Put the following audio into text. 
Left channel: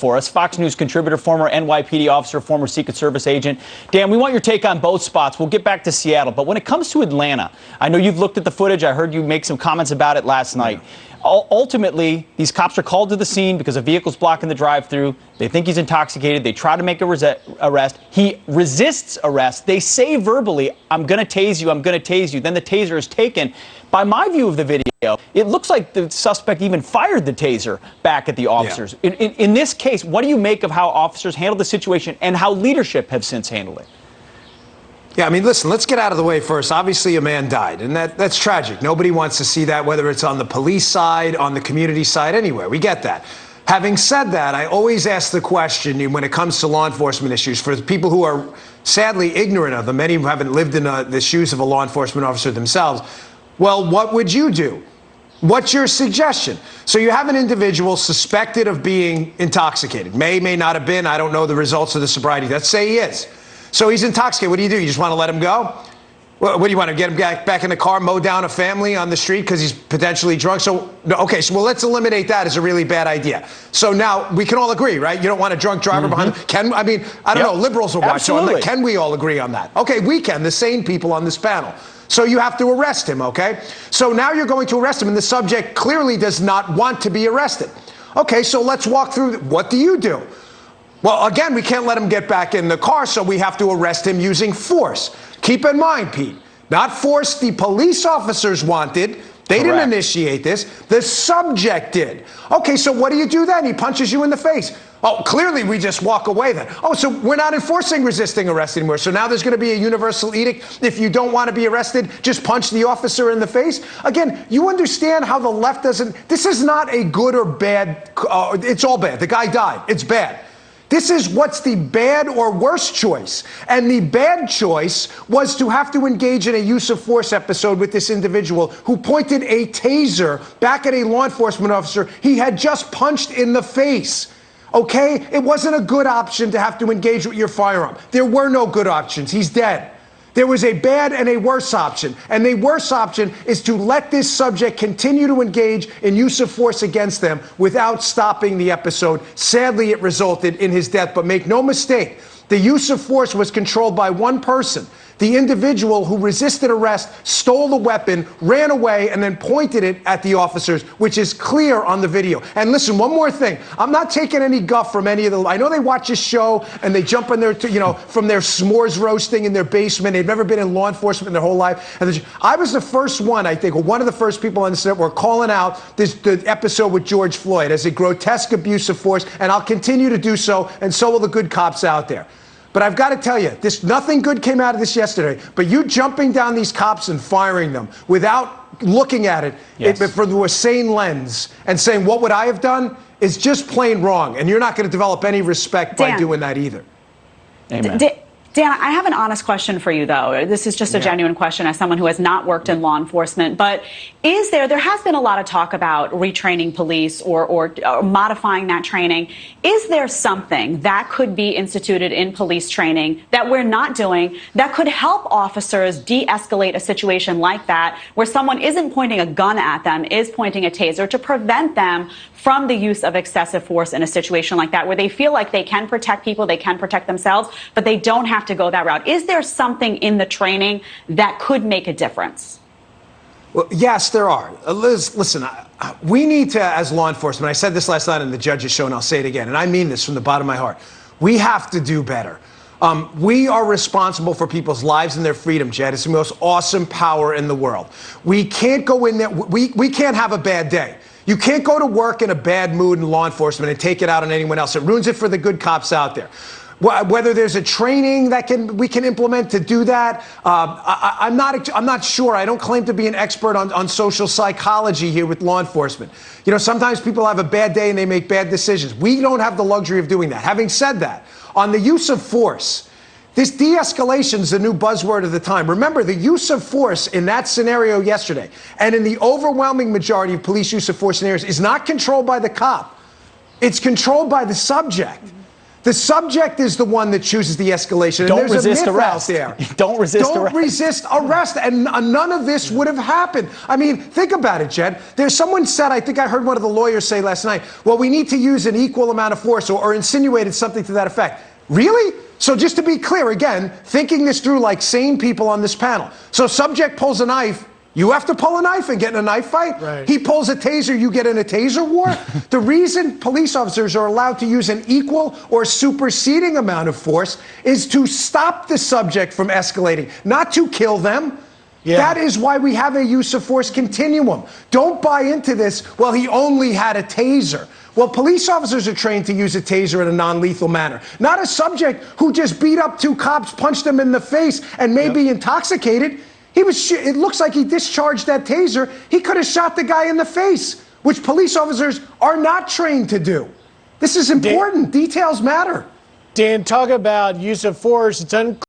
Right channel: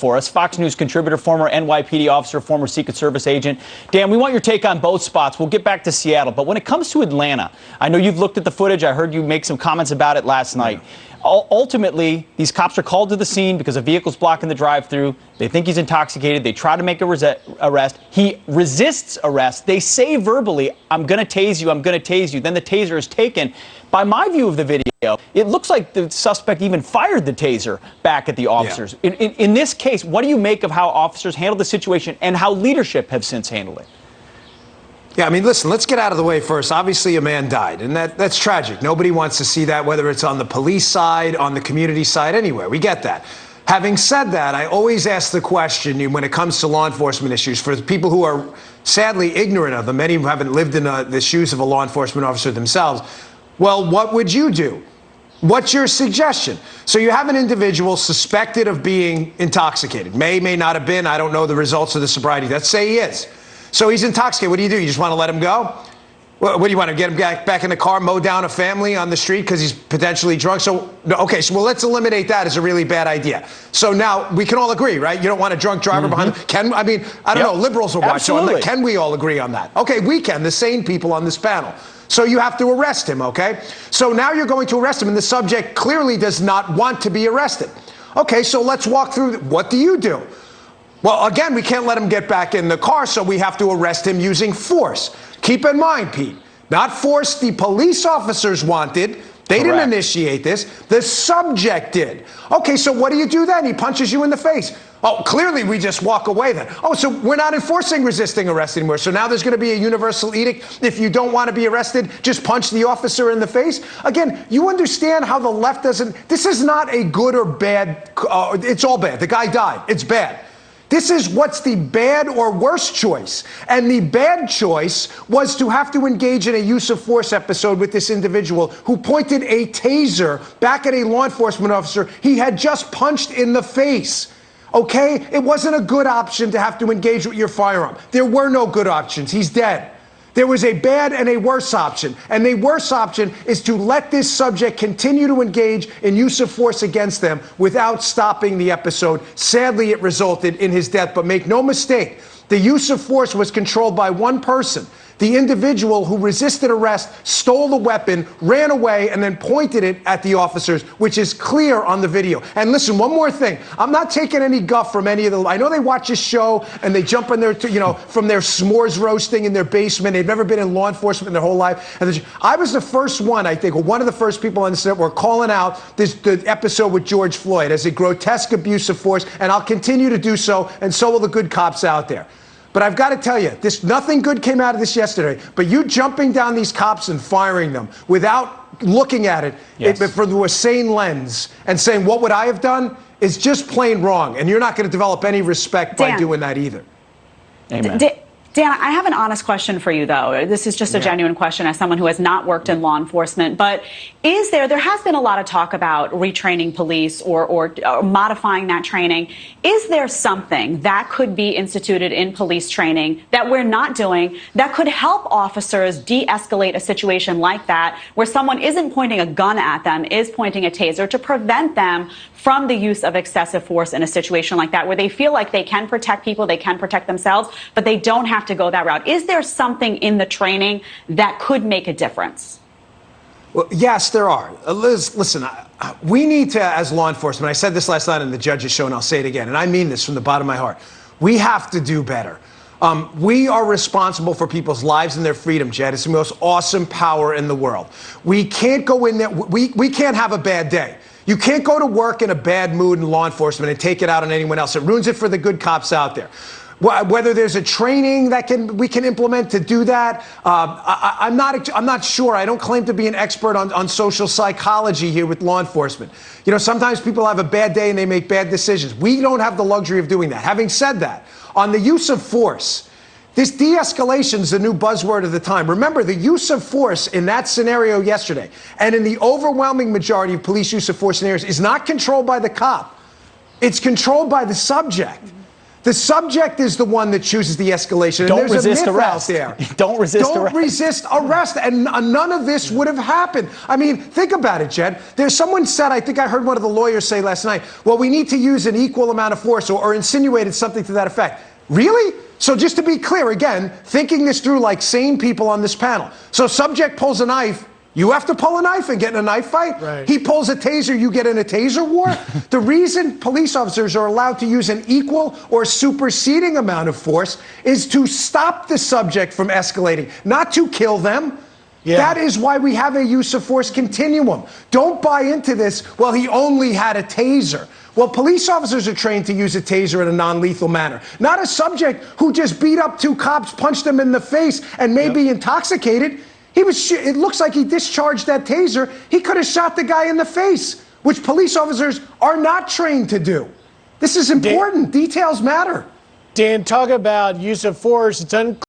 for us. Fox News contributor, former NYPD officer, former Secret Service agent. Dan, we want your take on both spots. We'll get back to Seattle. But when it comes to Atlanta, I know you've looked at the footage. I heard you make some comments about it last night. Ultimately, these cops are called to the scene because a vehicle's blocking the drive-through. They think he's intoxicated. They try to make a arrest. He resists arrest. They say verbally, I'm going to tase you, I'm going to tase you. Then the taser is taken. By my view of the video, it looks like the suspect even fired the taser back at the officers. Yeah. In this case, what do you make of how officers handled the situation and how leadership have since handled it? Yeah, I mean, listen, let's get out of the way first. Obviously, a man died, and that's tragic. Nobody wants to see that, whether it's on the police side, on the community side, anywhere. We get that. Having said that, I always ask the question when it comes to law enforcement issues for people who are sadly ignorant of them, many who haven't lived in the shoes of a law enforcement officer themselves. Well, what would you do? What's your suggestion? So you have an individual suspected of being intoxicated. May not have been. I don't know the results of the sobriety. Let's say he is. So he's intoxicated. What do? You just want to let him go? What do you want to get him back in the car, mow down a family on the street because he's potentially drunk? So, okay, so let's eliminate that as a really bad idea. So now we can all agree, right? You don't want a drunk driver behind him. I don't know. Liberals will watch. So can we all agree on that? Okay, we can. The sane people on this panel. So you have to arrest him, okay? So now you're going to arrest him, and the subject clearly does not want to be arrested. Okay, so let's walk through. What do you do? Well, again, we can't let him get back in the car, so we have to arrest him using force. Keep in mind, Pete, not force the police officers wanted. They didn't initiate this. The subject did. Okay, so what do you do then? He punches you in the face. Oh, clearly we just walk away then. Oh, so we're not enforcing resisting arrest anymore. So now there's going to be a universal edict. If you don't want to be arrested, just punch the officer in the face. Again, you understand how the left doesn't. This is not a good or bad. It's all bad. The guy died. It's bad. This is what's the bad or worse choice. And the bad choice was to have to engage in a use of force episode with this individual who pointed a taser back at a law enforcement officer he had just punched in the face. Okay? It wasn't a good option to have to engage with your firearm. There were no good options. He's dead. There was a bad and a worse option. And the worse option is to let this subject continue to engage in use of force against them without stopping the episode. Sadly, it resulted in his death. But make no mistake, the use of force was controlled by one person. The individual who resisted arrest stole the weapon, ran away, and then pointed it at the officers, which is clear on the video. And listen, one more thing. I'm not taking any guff from any of the. I know they watch this show and they jump in there, from their s'mores roasting in their basement. They've never been in law enforcement in their whole life. And I was the first one, I think, or one of the first people on this network calling out the episode with George Floyd as a grotesque abuse of force, and I'll continue to do so, and so will the good cops out there. But I've got to tell you, nothing good came out of this yesterday. But you jumping down these cops and firing them without looking at it through a sane lens and saying, what would I have done, is just plain wrong. And you're not going to develop any respect by doing that either. Amen. Dan, I have an honest question for you, though. This is just a genuine question as someone who has not worked in law enforcement. But there has been a lot of talk about retraining police or modifying that training. Is there something that could be instituted in police training that we're not doing that could help officers de-escalate a situation like that, where someone isn't pointing a gun at them, is pointing a taser, to prevent them from the use of excessive force in a situation like that, where they feel like they can protect people, they can protect themselves, but they don't have to go that route? Is there something in the training that could make a difference? Well, yes, there are. Liz, listen, we need to, as law enforcement, I said this last night on the judge's show, and I'll say it again, and I mean this from the bottom of my heart. We have to do better. We are responsible for people's lives and their freedom, Jed. It's the most awesome power in the world. We can't go in there. We can't have a bad day. You can't go to work in a bad mood in law enforcement and take it out on anyone else. It ruins it for the good cops out there. Whether there's a training that we can implement to do that, I'm not sure. I don't claim to be an expert on social psychology here with law enforcement. Sometimes people have a bad day and they make bad decisions. We don't have the luxury of doing that. Having said that, on the use of force, this de-escalation is the new buzzword of the time. Remember, the use of force in that scenario yesterday, and in the overwhelming majority of police use of force scenarios, is not controlled by the cop. It's controlled by the subject. The subject is the one that chooses the escalation. Don't and there's resist a myth arrest. out there. Don't resist Don't arrest. resist arrest. And none of this would have happened. I mean, think about it, Jed. There's someone said, I think I heard one of the lawyers say last night, well, we need to use an equal amount of force, or insinuated something to that effect. Really? So just to be clear, again, thinking this through like sane people on this panel. So subject pulls a knife. You have to pull a knife and get in a knife fight. Right. He pulls a taser, you get in a taser war. The reason police officers are allowed to use an equal or superseding amount of force is to stop the subject from escalating, not to kill them. Yeah. That is why we have a use of force continuum. Don't buy into this, well, he only had a taser. Well, police officers are trained to use a taser in a non-lethal manner. Not a subject who just beat up two cops, punched them in the face, and may be intoxicated. It looks like he discharged that taser. He could have shot the guy in the face, which police officers are not trained to do. This is important. Details matter. Dan, talk about use of force. It's unclear.